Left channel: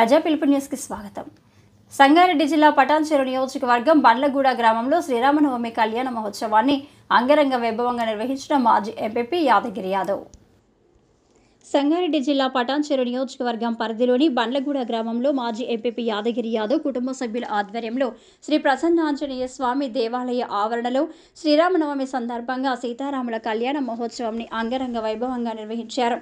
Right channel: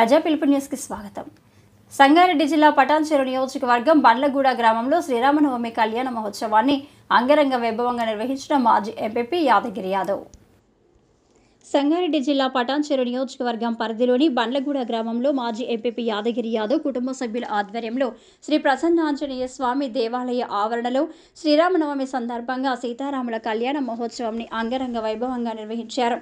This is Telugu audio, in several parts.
ప్రజా పిలుపు న్యూస్కి స్వాగతం. సంగారెడ్డి జిల్లా పటాన్చెరు నియోజకవర్గం బండ్లగూడ గ్రామంలో శ్రీరామనవమి కళ్యాణ మహోత్సవాన్ని అంగరంగ వైభవంగా నిర్వహించిన మాజీ ఎంపీ యాదగిరి యాదవ్. సంగారెడ్డి జిల్లా పటాన్చెరు నియోజకవర్గం పరిధిలోని బండ్లగూడ గ్రామంలో మాజీ ఎంపీ యాదగిరి యాదవ్ కుటుంబ సభ్యుల ఆధ్వర్యంలో శ్రీ ప్రసన్నాంజనేయ స్వామి దేవాలయ ఆవరణలో శ్రీరామనవమి సందర్భంగా సీతారాముల కళ్యాణ మహోత్సవాన్ని అంగరంగ వైభవంగా నిర్వహించారు.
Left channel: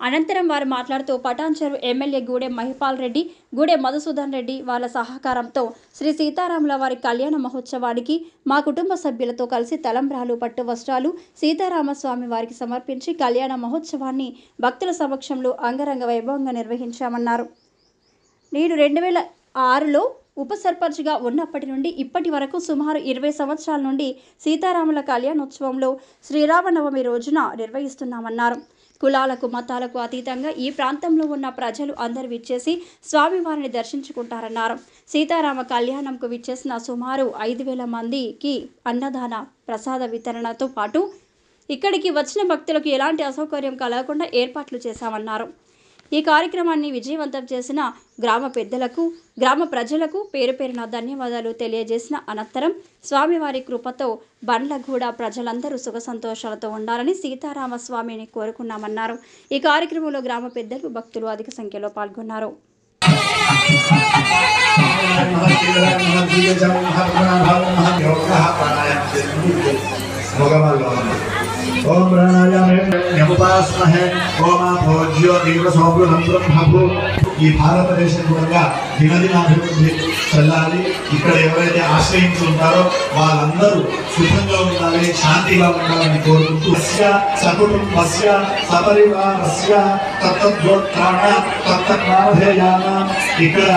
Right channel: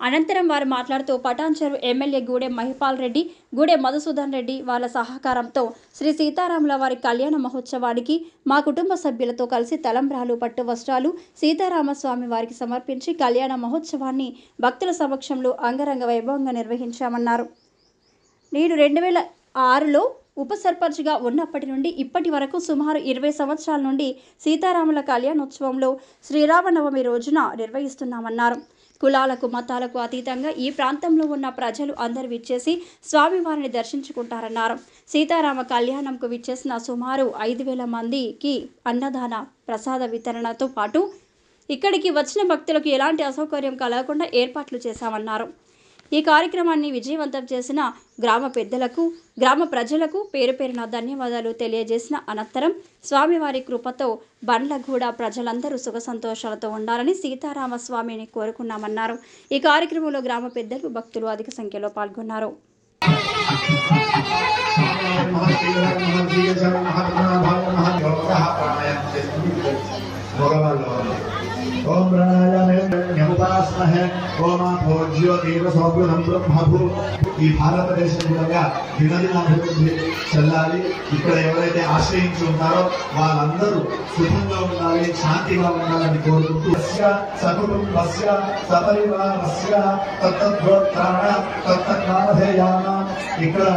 అనంతరం వారు మాట్లాడుతూ పటాన్చెరు ఎమ్మెల్యే గూడెం మహిపాల్ రెడ్డి, గూడెం మధుసూదన్ రెడ్డి వాళ్ళ సహకారంతో శ్రీ సీతారాముల వారి కళ్యాణ మహోత్సవానికి మా కుటుంబ సభ్యులతో కలిసి తలంబ్రాలు, పట్టు వస్త్రాలు సీతారామస్వామి వారికి సమర్పించి కళ్యాణ మహోత్సవాన్ని భక్తుల సమక్షంలో అంగరంగ వైభవంగా నిర్వహించామన్నారు. నేను 2006లో ఉప సర్పంచ్గా ఉన్నప్పటి నుండి ఇప్పటి వరకు సుమారు 20 సంవత్సరాల నుండి సీతారాముల కళ్యాణోత్సవంలో శ్రీరామనవమి రోజున నిర్వహిస్తున్నామన్నారు. కులాలకు మతాలకు అతీతంగా ఈ ప్రాంతంలో ఉన్న ప్రజలు అందరూ విచ్చేసి స్వామివారిని దర్శించుకుంటారన్నారు. సీతారామ కళ్యాణంకు విచ్చేసిన సుమారు 5,000 మందికి అన్నదాన ప్రసాద వితరణతో పాటు ఇక్కడికి వచ్చిన భక్తులకు ఎలాంటి అసౌకర్యం కలగకుండా ఏర్పాట్లు చేశామన్నారు. ఈ కార్యక్రమాన్ని విజయవంతం చేసిన గ్రామ పెద్దలకు, గ్రామ ప్రజలకు పేరు పేరున ధన్యవాదాలు తెలియజేసిన అనంతరం స్వామివారి కృపతో బండ్లగూడ ప్రజలందరూ సుఖ సంతోషాలతో ఉండాలని సీతారామ స్వామిని కోరుకున్నామన్నారు. ఈ కార్యక్రమంలో గ్రామ పెద్దలు, భక్తులు అధిక సంఖ్యలో పాల్గొన్నారు. ओम प्राणायामे न्यमुपास्महे ओम भोज्यो दीर्घसौभृतं ब्रह्मभू ఈ భారతదేశం కూడా దినదినాభివృద్ధి చెల్లాలి. ఇక్కడ ఎవరైతే ఆశ్రయించి ఉంటారో వాళ్ళందరూ సుఖంగా ఉండాలి, శాంతిగా ఉండాలని కోరుకుంటూ సకుటుంబస్య సపరివారస్య తత్తద్గోత్రాణ తత్తద్నామధేయాన ఇక్కడ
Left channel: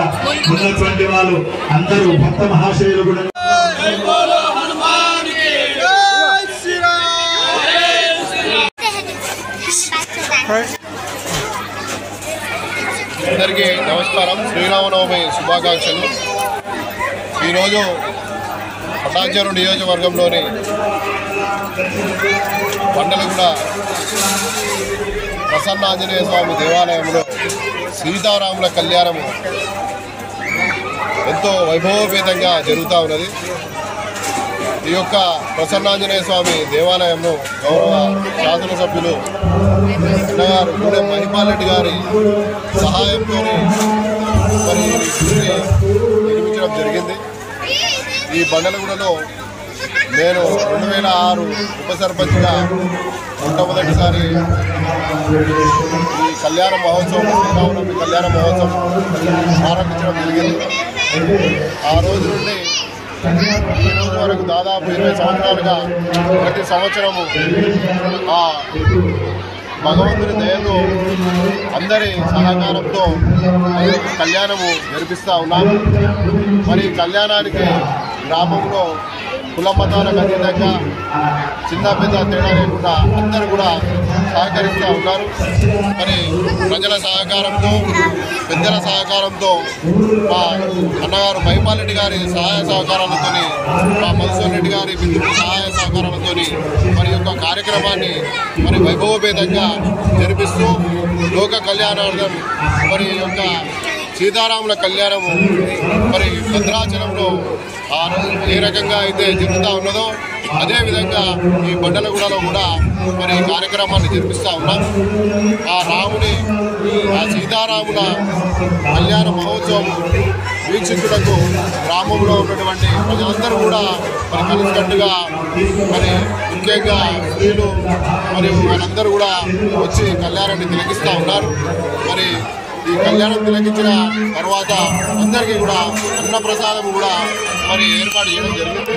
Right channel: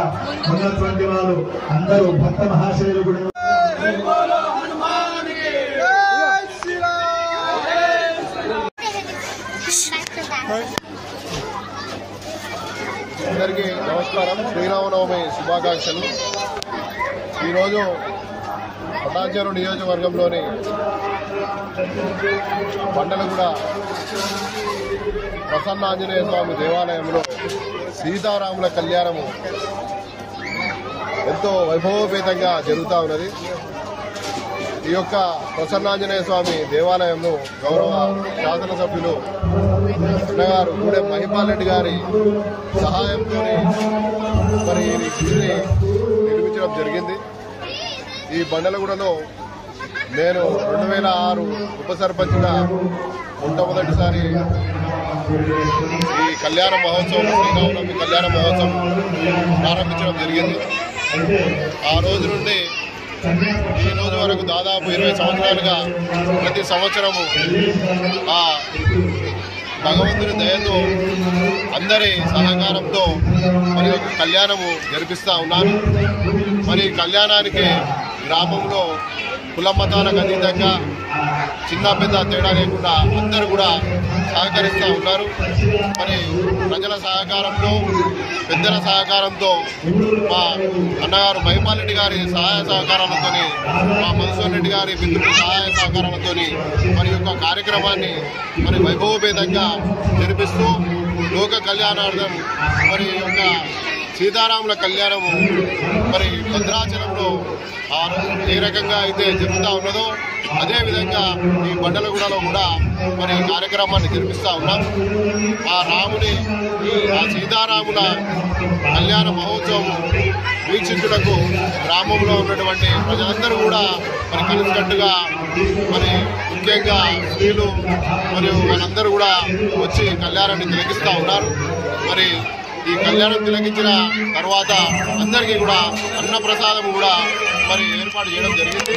ఉన్నటువంటి వాళ్ళు అందరూ భక్త మహాశయులు కూడా అందరికీ నమస్కారం. శ్రీరామనవమి శుభాకాంక్షలు. ఈరోజు పటాన్చెరు నియోజకవర్గంలోని బండ్లగూడ ప్రసన్నాంజనేయ స్వామి దేవాలయంలో సీతారాముల కళ్యాణము ఎంతో వైభవోపేతంగా జరుగుతూ ఉన్నది. ఈ యొక్క ప్రసన్నాంజనేయ స్వామి దేవాలయంలో గౌరవ శాసనసభ్యులు గూడెం మహిపాల్ రెడ్డి గారి సహాయంతో మరి నిర్మించడం జరిగింది. ఈ బండ్లగూడలో నేను 2006 ఉప సర్పంచ్గా మొట్టమొదటిసారి ఈ కళ్యాణ మహోత్సవం, శ్రీరామనవమి కళ్యాణ మహోత్సవం ప్రారంభించడం జరిగింది. ఆ రోజు నుండి ఈ రోజు వరకు దాదాపు 20 సంవత్సరాలుగా ప్రతి సంవత్సరము ఆ భగవంతుని దయతో అందరి సహకారంతో కళ్యాణము జరిపిస్తూ ఉన్నారు. మరి కళ్యాణానికి గ్రామంలో కుల మతాలకు అతీతంగా చిన్న పెద్ద తేడా లేకుండా అందరూ కూడా సహకరిస్తూ ఉన్నారు. మరి ప్రజల సహకారంతో, పెద్దల సహకారంతో, మా అన్నగారు మహిపాల్ రెడ్డి గారి సహాయ సహకారాలతో, మా మధుసూదన్ రెడ్డి గారి మిత్రుల సహాయ సహకారాలతో మరి యొక్క కార్యక్రమాన్ని మరి వైభవపేతంగా జరిపిస్తూ లోక కళ్యాణార్థం మరి యొక్క సీతారాముల కళ్యాణము మరి భద్రాచలంలో ఏ రకంగా అయితే జరుగుతూ ఉన్నదో అదేవిధంగా ఈ బండ్లగూడలో కూడా మరి ఈ కార్యక్రమాన్ని జరిపిస్తూ ఉన్నాం. ఆ రాముని, ఆ సీతారాముల కళ్యాణ మహోత్సవం వీక్షించుటకు గ్రామంలో ఉన్నటువంటి ప్రజలందరూ కూడా మరి కలిసికట్టుగా మరి ముఖ్యంగా స్త్రీలు మరియు వాళ్ళందరూ కూడా వచ్చి కళ్యాణాన్ని తిలకిస్తూ ఉన్నారు. మరి ఈ కళ్యాణం తిలకించిన తర్వాత అందరికీ కూడా అన్నప్రసాదం కూడా మరి ఏర్పాటు చేయడం జరిగింది.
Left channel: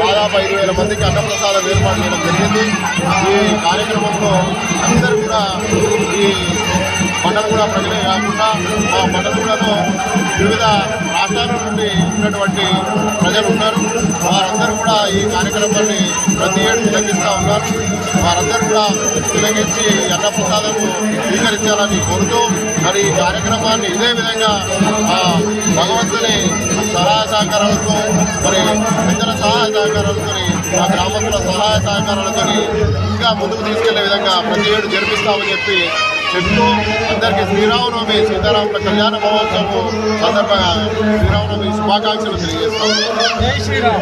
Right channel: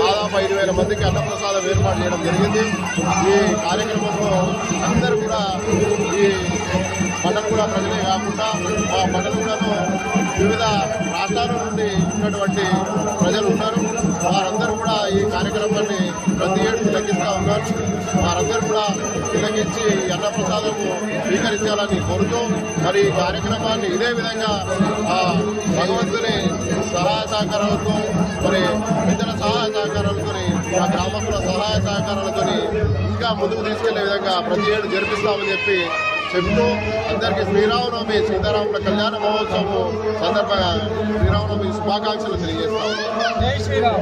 దాదాపు 5,000 మందికి అన్నప్రసాదం ఏర్పాటు చేయడం జరిగింది. ఈ కార్యక్రమంలో అందరూ కూడా ఈ బండ్లగూడ ప్రజలే కాకుండా ఆ బండ్లగూడలో వివిధ రాష్ట్రాల నుండి ఉన్నటువంటి ప్రజలు ఉన్నారు. వారందరూ కూడా ఈ కార్యక్రమాన్ని ప్రతి ఏడు తిలకిస్తూ ఉన్నారు. వారందరూ కూడా తిలకించి అన్నప్రసాదం స్వీకరించాలని కోరుతూ మరి ఈ కార్యక్రమాన్ని ఇదే విధంగా భగవంతుని సహాయ సహకారాలతో, మరి పెద్దల సహాయ సహకారాలతో, ఆ గ్రామస్తుల సహాయ సహకారాలతో ఇంకా ముందుకు తీసుకెళ్లే విధంగా ప్రతి ఏడు జరిపిస్తామని చెప్పి చెప్తూ అందరికీ శ్రీరామనవమి సీతారాముల కళ్యాణ మహోత్సవం సందర్భంగా శ్రీరామనవమి శుభాకాంక్షలు తెలియజేస్తాం.